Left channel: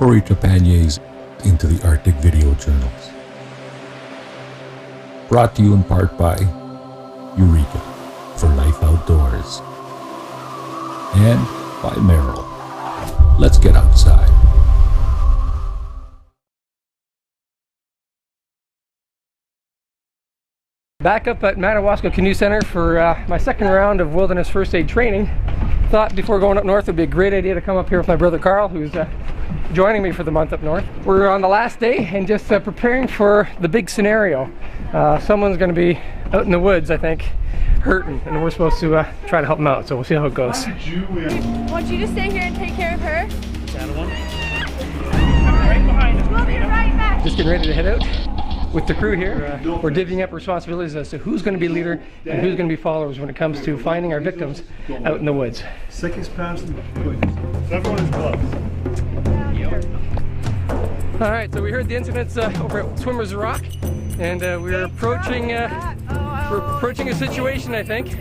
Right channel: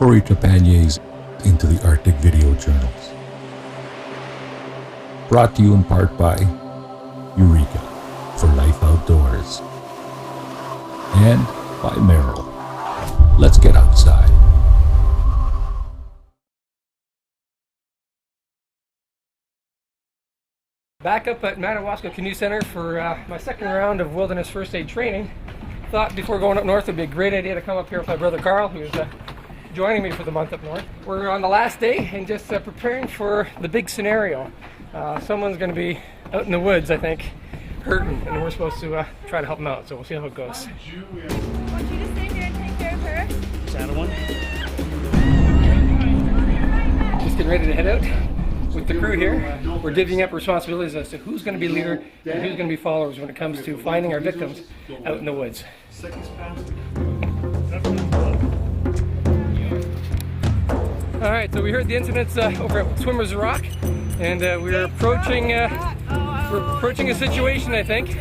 Cory Trepanier's Into the Arctic video journals. Brought to you in part by Eureka for Life Outdoors and by Merrill. Let's get outside. Back up at Madawaska Canoe Center for my second round of wilderness first aid training. Thought before going up north it would be a great idea to come up here with my brother Carl, who's joining me for the month up north. We're on the last day and just preparing for the big scenario. Someone's going to be out in the woods, I think, hurt, and we're supposed to try to help them out, so we'll see how it goes. I want you to stay here and take care of her. Saddle one. Right behind us. We'll be right back. Just getting ready to head out with the crew here. We're divvying up responsibilities as to who's going to be leader and who's going to be followers when it comes to finding our victims out in the woods. Sickest past the everyone in gloves. Alright, so we heard the incidents over at Swimmer's Rock, and we're approaching a situation, I think.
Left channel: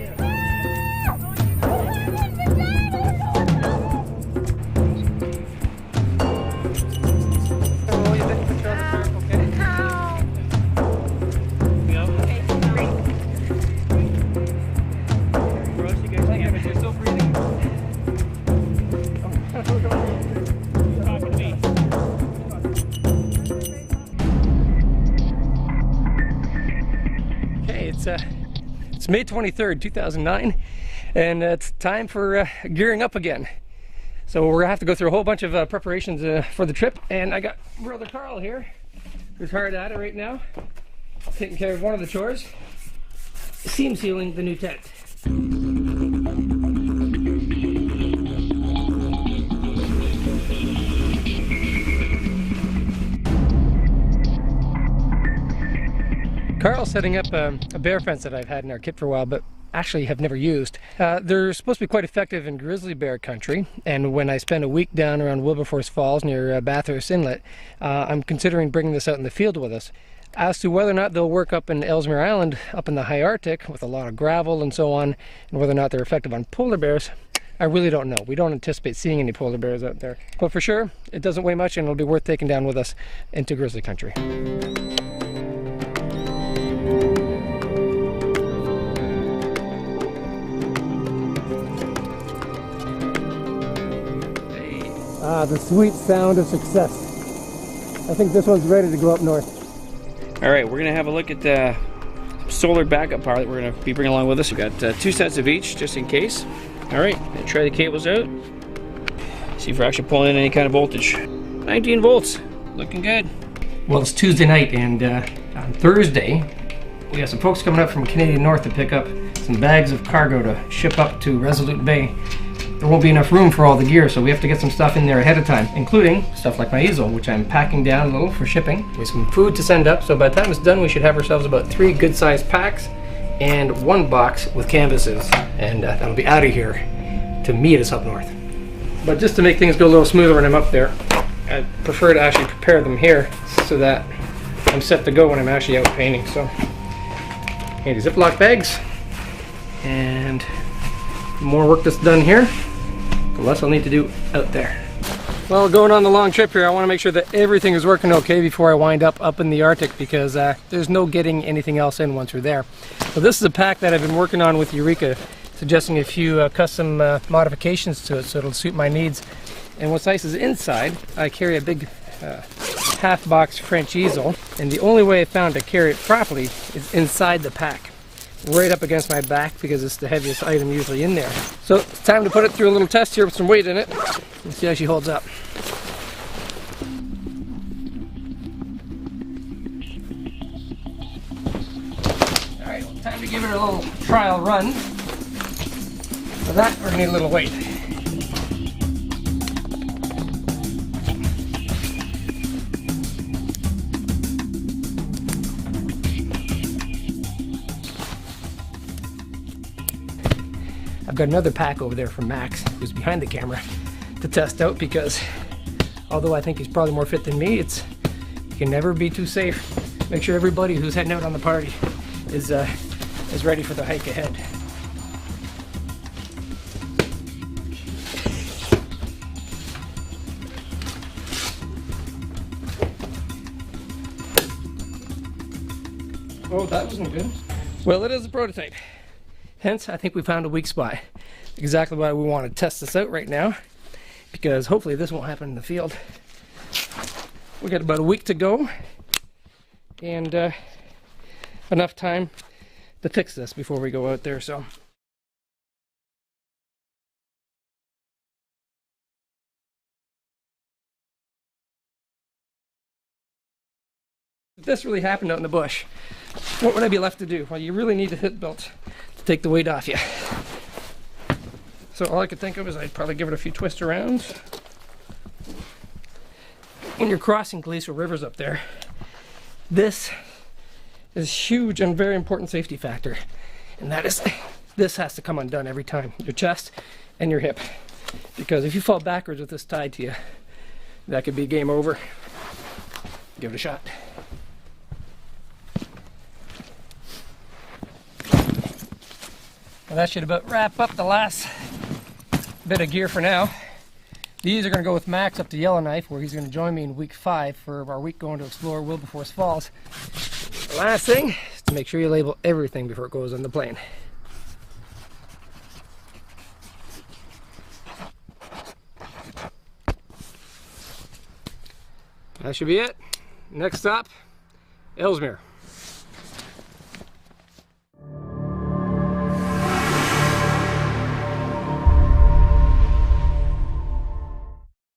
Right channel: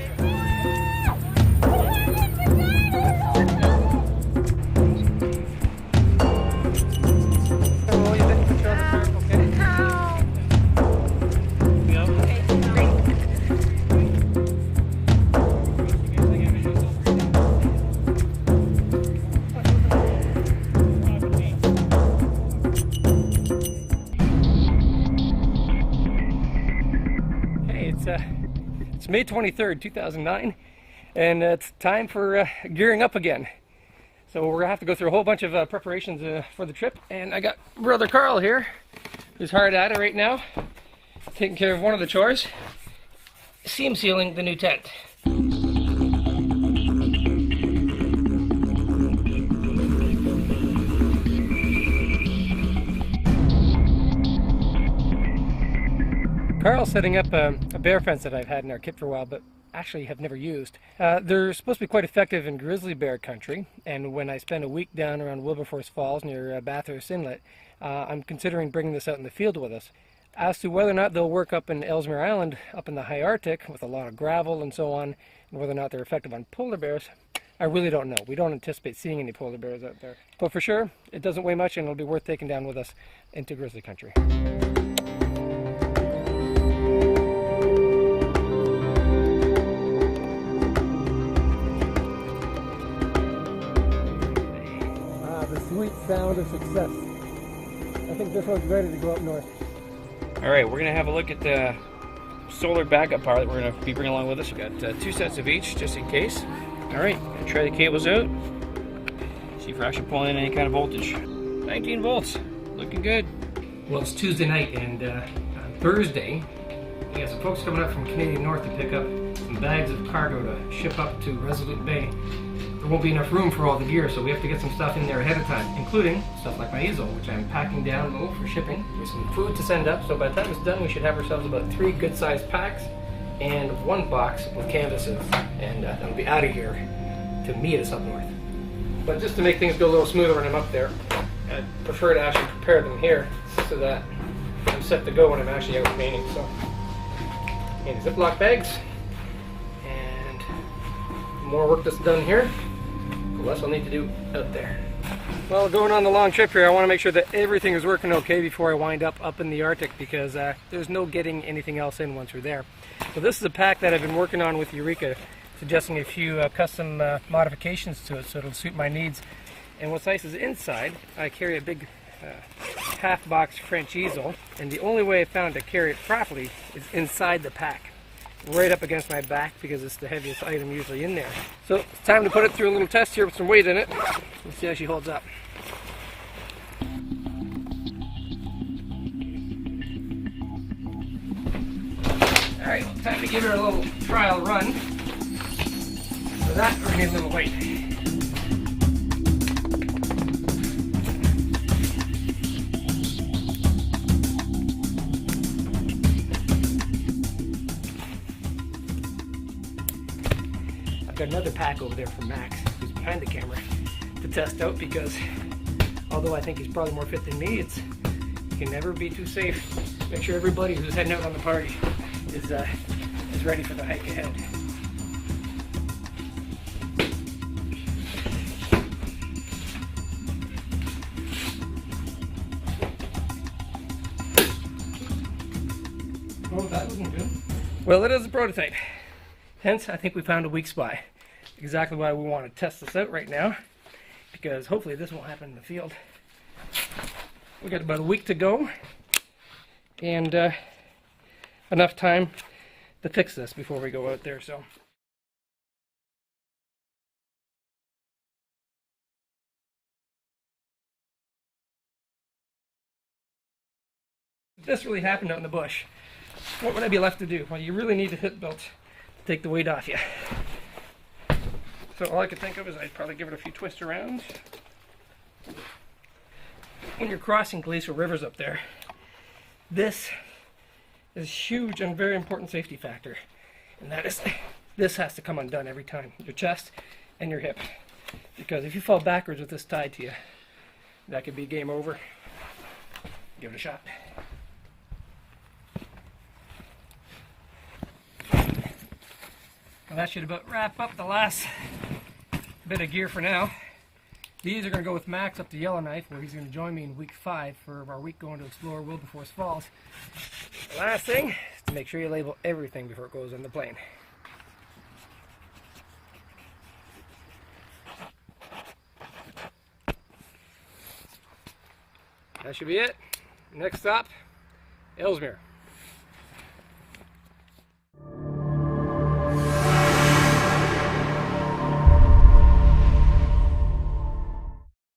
It's May 23rd, 2009, and it's time for gearing up again. So we're gonna have to go through a whole bunch of preparations for the trip, and I got brother Carl here, who's hard at it right now, taking care of one of the chores, seam sealing the new tent. Carl's setting up a bear fence that I've had in our kit for a while, but actually have never used. They're supposed to be quite effective in grizzly bear country, and when I spend a week down around Wilberforce Falls near Bathurst Inlet, I'm considering bringing this out in the field with us. As to whether or not they'll work up in Ellesmere Island, up in the high Arctic, with a lot of gravel and so on, and whether or not they're effective on polar bears, I really don't know. We don't anticipate seeing any polar bears out there. But for sure, it doesn't weigh much, and it'll be worth taking down with us into grizzly country. The sweet sound of success. I think this one's ready to go up north. All right, we're gonna have a look at the solar backup power that we're gonna be bringing along with us. We got 2 sets of each, just in case. All right, gonna try the cables out. See if we're actually pulling in any kind of voltage. 19 volts, looking good. Well, it's Tuesday night, and on Thursday, we have some folks coming up from Canadian North to pick up some bags of cargo to ship up to Resolute Bay. There won't be enough room for all the gear, so we have to get some stuff in there ahead of time, including stuff like my easel, which I'm packing down a little for shipping, with some food to send up. So by the time it's done, we should have ourselves about 3 good-sized packs and 1 box with canvases, and that'll be out of here to meet us up north. But just to make things go a little smoother when I'm up there, I prefer to actually prepare them here so that I'm set to go when I'm actually out painting. So, handy Ziploc bags, and more work that's done here, the less I'll need to do out there. Well, going on the long trip here, I want to make sure that everything is working okay before I wind up in the Arctic, because there's no getting anything else in once we're there. So this is a pack that I've been working on with Eureka, suggesting a few custom modifications to it so it'll suit my needs. And what's nice is inside, I carry a big half-box French easel, and the only way I found to carry it properly is inside the pack, right up against my back, because it's the heaviest item usually in there. So it's time to put it through a little test here with some weight in it and see how she holds up. Alright, well, time to give her a little trial run. For that, I need a little weight. Got another pack over there from Max, who's behind the camera, to test out, because although I think he's probably more fit than me, it can never be too safe. Make sure everybody who's heading out on the party is ready for the hike ahead. Oh, that wasn't good. Well, it is a prototype. Hence, I think we found a weak spot. Exactly why we want to test this out right now, because hopefully this won't happen in the field. We got about a week to go, and enough time to fix this before we go out there. So. If this really happened out in the bush, what would I be left to do? Well, you really need a hip belt to take the weight off you. So all I could think of is I'd probably give it a few twist arounds. When you're crossing glacial rivers up there, this is a huge and very important safety factor. And that is, this has to come undone every time, your chest and your hip. Because if you fall backwards with this tied to you, that could be game over. Give it a shot. Well, that should about wrap up the last bit of gear for now. These are going to go with Max up to Yellowknife, where he's going to join me in week 5 for our week going to explore Wilberforce Falls. The last thing is to make sure you label everything before it goes on the plane. That should be it. Next stop, Ellesmere.